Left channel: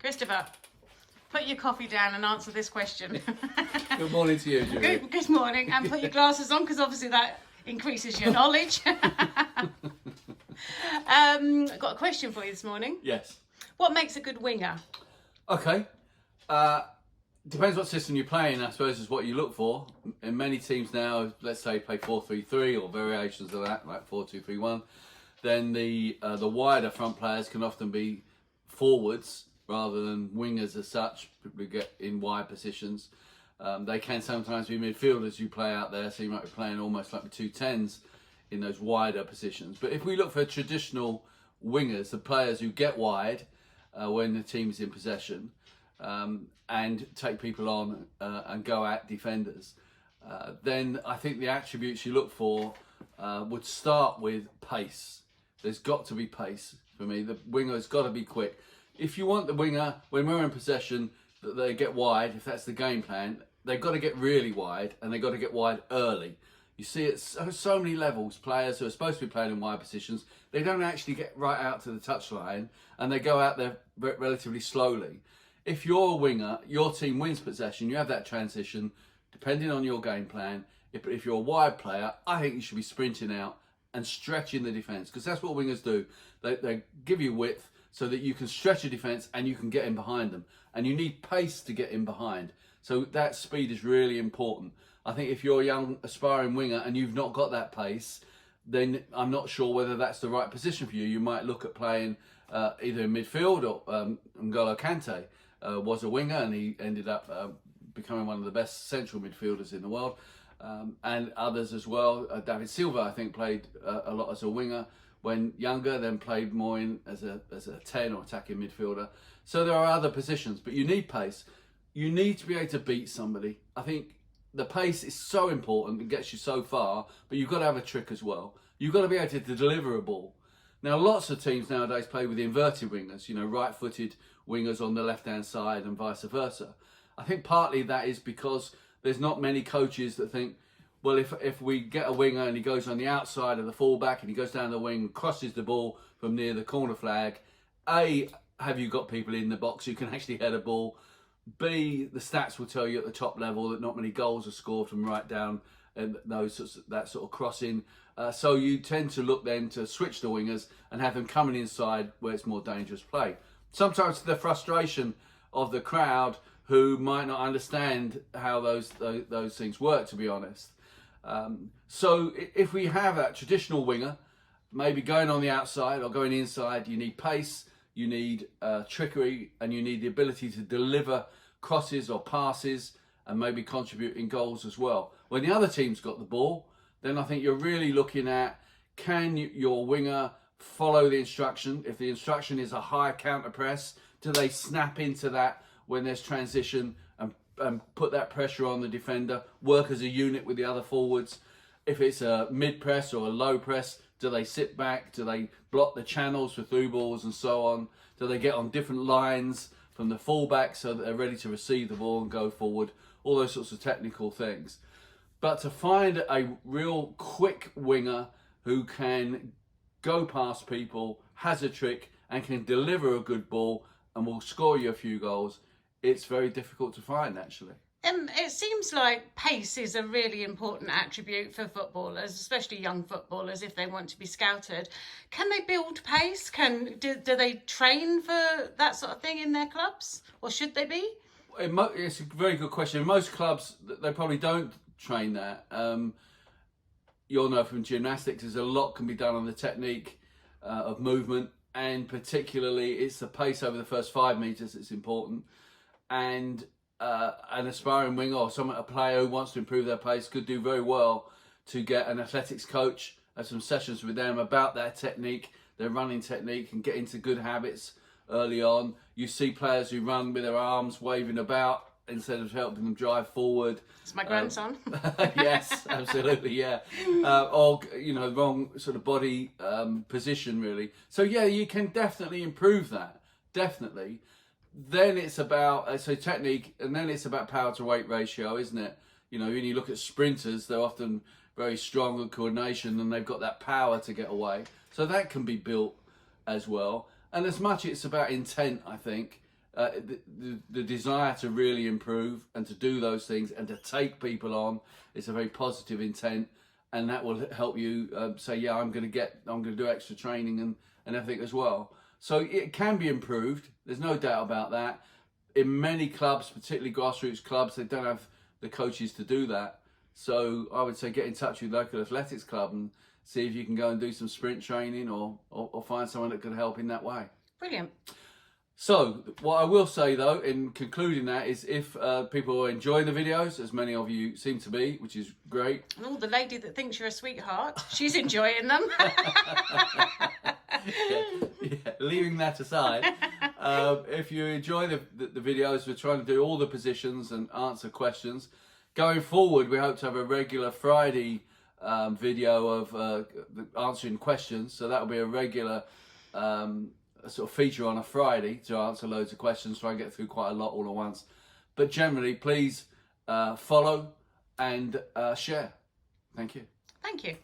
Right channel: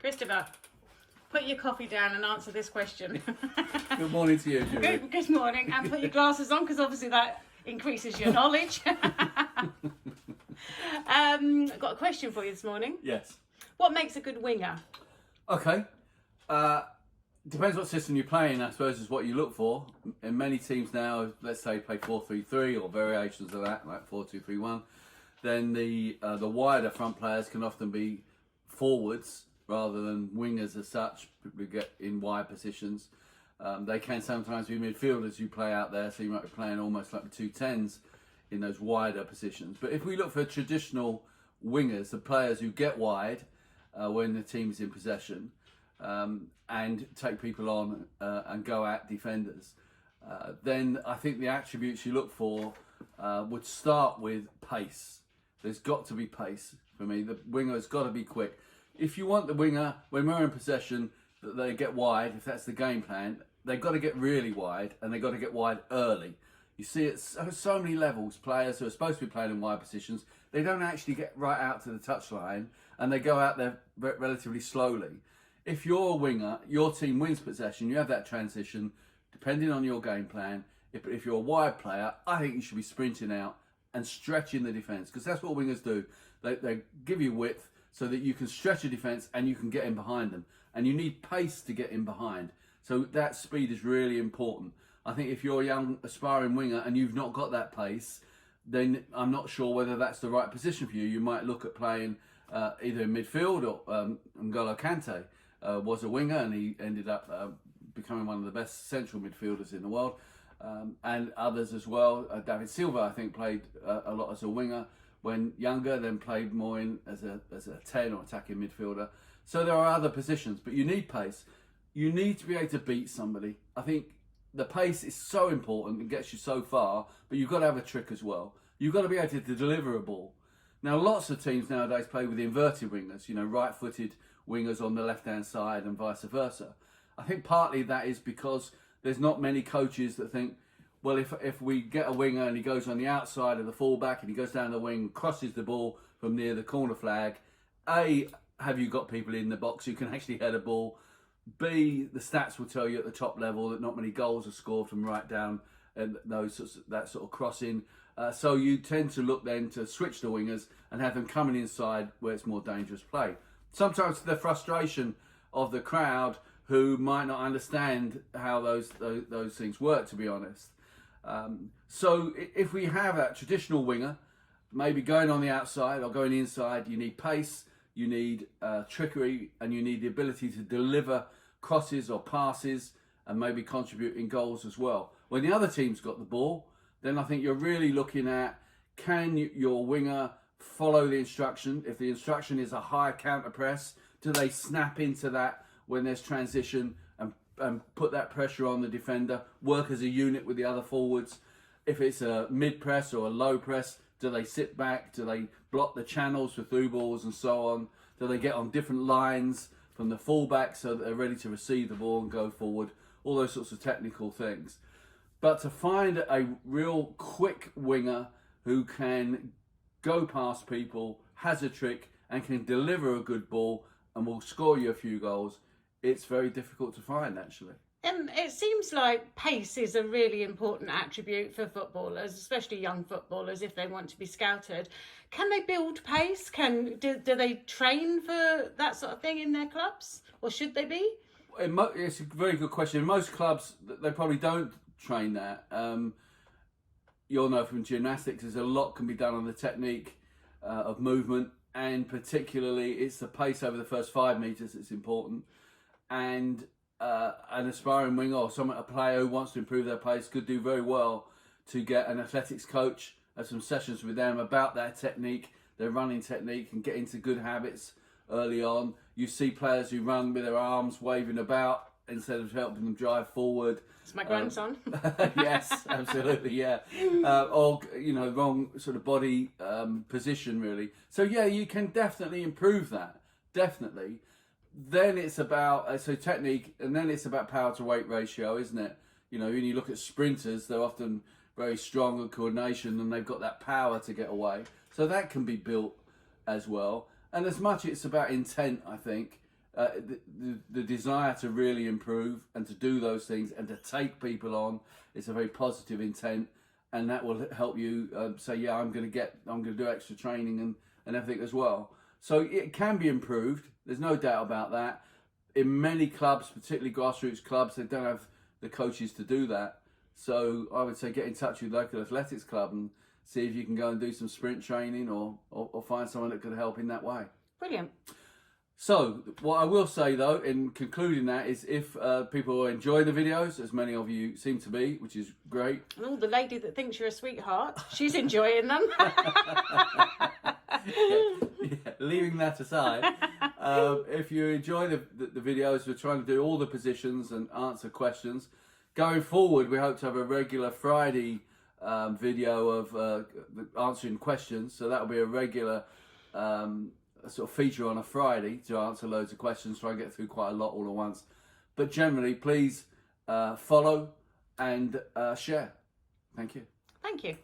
Christopher, put your coffee down and answer this question. Good morning to you, Julie. Good morning, and put your glasses on because obviously that increases your knowledge. Got a question for you this morning. Yes. What makes a good winger? Okay. Depends what system you're playing, I suppose, is what you look for. In many teams now, let's say play 4-3-3 or variations of that, like 4-2-3-1, then the wider front players can often be forwards rather than wingers as such. We get in wide positions. They can sometimes be midfielders you play out there, so you might be playing almost like the 2 10s in those wider positions. But if we look for traditional wingers, the players who get wide when the team's in possession, and take people on and go at defenders, then I think the attributes you look for would start with pace. There's got to be pace for me. The winger's got to be quick. If you want the winger, when we're in possession, that they get wide, if that's the game plan, they've got to get really wide, and they've got to get wide early. You see it so many levels, players who are supposed to be playing in wide positions, they don't actually get right out to the touchline, and they go out there relatively slowly. If you're a winger, your team wins possession, you have that transition, depending on your game plan. If you're a wide player, I think you should be sprinting out and stretching the defence, because that's what wingers do. They give you width so that you can stretch your defence and you can get in behind them. And you need pace to get in behind. So that speed is really important. I think if you're a young aspiring winger and you've not got that pace, then I'm not sure whether that's the right position for you. You might look at playing either in midfield or N'Golo Kante was a winger, and he ended up becoming one of the best central midfielders in the world, and others as well. David Silva, I think, played a lot as a winger when younger, then played more in as a 10 or attacking midfielder. So there are other positions, but you need pace. You need to be able to beat somebody. I think the pace is so important and gets you so far, but you've got to have a trick as well. You've got to be able to deliver a ball. Now, lots of teams nowadays play with inverted wingers, right-footed wingers on the left-hand side and vice versa. I think partly that is because there's not many coaches that think, well, if we get a winger and he goes on the outside of the fullback and he goes down the wing, crosses the ball from near the corner flag, A, have you got people in the box who can actually head a ball? B, the stats will tell you at the top level that not many goals are scored from right down and that sort of crossing. So you tend to look then to switch the wingers and have them coming inside where it's more dangerous play. Sometimes the frustration of the crowd who might not understand how those things work, to be honest. So if we have a traditional winger, maybe going on the outside or going inside, you need pace, you need trickery, and you need the ability to deliver crosses or passes and maybe contribute in goals as well. When the other team's got the ball, then I think you're really looking at, can your winger follow the instruction? If the instruction is a high counter press, do they snap into that when there's transition and put that pressure on the defender, work as a unit with the other forwards? If it's a mid press or a low press, do they sit back? Do they block the channels for through balls and so on? Do they get on different lines from the fullback so that they're ready to receive the ball and go forward? All those sorts of technical things. But to find a real quick winger who can go past people, has a trick, and can deliver a good ball and will score you a few goals, it's very difficult to find, actually. It seems like pace is a really important attribute for footballers, especially young footballers, if they want to be scouted. Can they build pace? Do they train for that sort of thing in their clubs? Or should they be? It's a very good question. In most clubs, they probably don't train that. You'll know from gymnastics, there's a lot can be done on the technique of movement, and particularly it's the pace over the first 5 meters that's important. And an aspiring winger or a player who wants to improve their pace could do very well to get an athletics coach, have some sessions with them about their technique, their running technique, and get into good habits early on. You see players who run with their arms waving about instead of helping them drive forward. It's my grandson. Yes, absolutely, yeah. Or, wrong sort of body position, really. So, yeah, you can definitely improve that, definitely. Then it's about technique, and then it's about power to weight ratio, isn't it? When you look at sprinters, they're often very strong in coordination, and they've got that power to get away. So that can be built as well. And as much it's about intent, I think. the desire to really improve and to do those things and to take people on. It's a very positive intent, and that will help you say, yeah, I'm going to do extra training and everything as well. So it can be improved. There's no doubt about that. In many clubs, particularly grassroots clubs, they don't have the coaches to do that. So I would say get in touch with your local athletics club and see if you can go and do some sprint training or find someone that could help in that way. Brilliant. So what I will say though, in concluding that, is if people are enjoying the videos, as many of you seem to be, which is great. And all the lady that thinks you're a sweetheart, she's enjoying them. Yeah, leaving that aside, if you enjoy the videos, we're trying to do all the positions and answer questions. Going forward, we hope to have a regular Friday video of answering questions. So that'll be a regular sort of feature on a Friday to answer loads of questions, try and get through quite a lot all at once. But generally, please follow and share. Thank you. Thank you.